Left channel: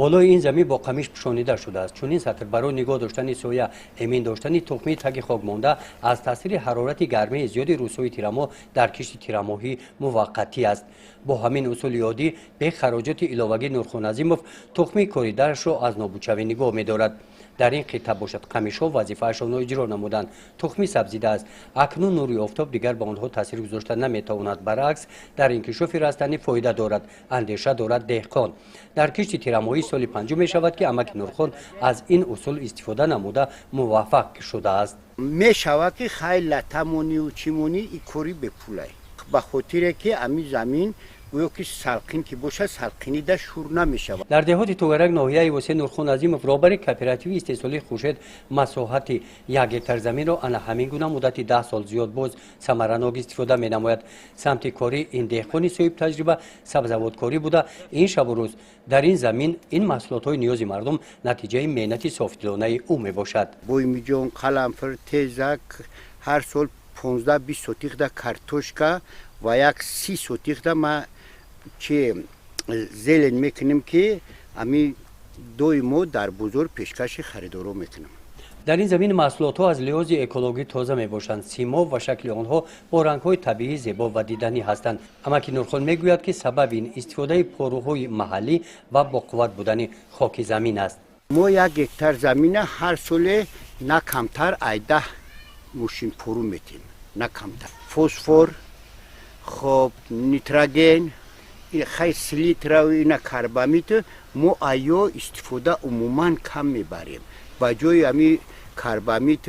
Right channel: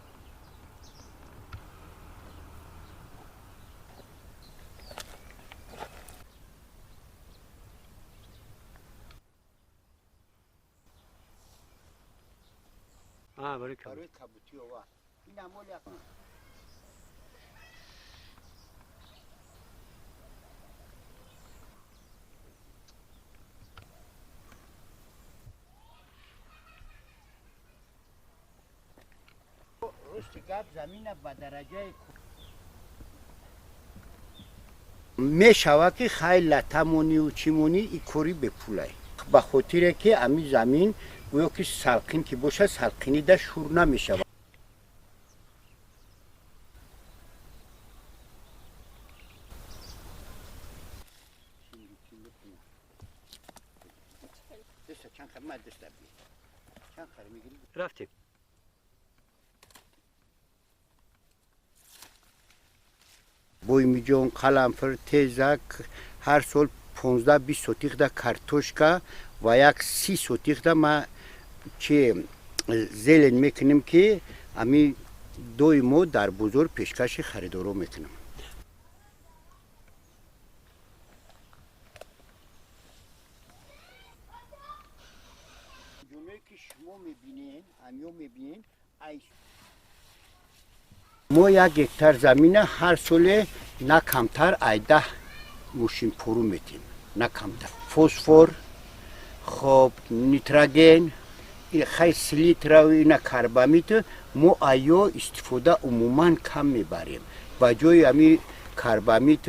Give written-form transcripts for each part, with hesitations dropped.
بالای این زمین با قمیش پوشانیده شده است. چون این سطر برای نگاه داشتن سویا، امین داشتن تخمی تگ خاک مانده از تاثیر حرارت گرمی زیاد روزهای تیرماه در کشت تیرماهی موقتی است. با همین اصول یادی به خراجات علاوگی نورخان عظیموف تخمی کوریده‌اش را از نابودشوی نگاه می‌دارد. در این خطه باشد قمیش‌ها وظیفه‌شان را اجرا نمودند. تخمی سبزیده است. اکنون نوری آفتاب دیگر به آنها تاثیر گذاشته نمی‌تواند. برعکس در انکشاف رستنی فایده دارد. اندیشه دارد دهقان. در کشت تیرماهی سال پنجم می‌شود که امک نورخان از این اصول استفاده نموده موفق شده است. می‌شود که خیلی تمونی و چیمونی این کاری بپوله. به خاطر که امی زمین گویا که سلقین که باشه سلقینی در شور نمیشه. در دهات توگرک ناحیه وسیع نورخان عظیموف رهبر کوپراتیو استحصالی خورشید مساحت 1 هکتار زمین را انا همین گونه مدت 10 سال زیاد باز ثمره‌ناک استفاده می‌نماید. سمت کاری این دهقانی صاحب تجربه سبزوادکاری بوده. این شب و روز در این زمین این محصولات‌های نیاز مردم نتیجه محنت صافدلانه او میباشد. بویمی جان، قلمفر، تیزک هر سال 15-20 سوتیق دا کارتوشکا و 30 سوتیق دا ما که زیلن میکنیم که امی دوی ما در بزرگ پیشکش خریدارو میکنیم. در این زمین محصولات ها از لحاظ اکولوژی تازه می باشند. سیما و شکل آنها با رنگ های طبیعی زیبا و دیدنی هستند. اما که نورخان میگوید که سبب این استفاده پروهای محلی و با قوت بودن خاک زمین است. ما 1 هکتار زمین هر سال نه کمتر 10 ماشین پرو میتیم. نه کمتر. فسفر، خب نیتروژن، خیلی سلیتر و اینا کربامیت ما آیا استفاده عموما کم میبریم. با جای امی کربامیت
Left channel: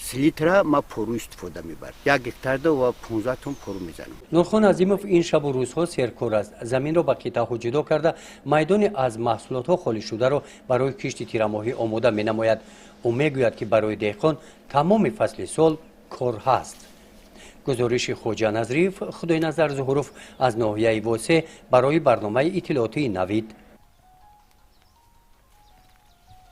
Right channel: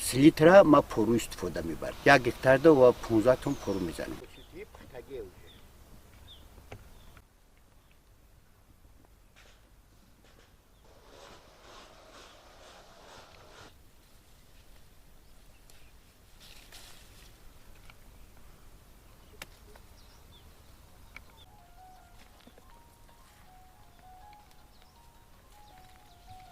سلیتر ما پرو استفاده میبریم. 1 هکتار و 15 تن پرو میزنیم. نورخان عظیموف این شب و روزها سرکار است. زمین را به قطعه‌ها جدا کرده میدان از محصولات ها خالی شده را برای کشت تیرماهی آماده مینماید. او میگوید که برای دهقان تمام فصل سال کار هست. گزارش خوجا نظریف خدای نظر ظهوروف از ناحیه واسه برای برنامه اطلاعاتی نوید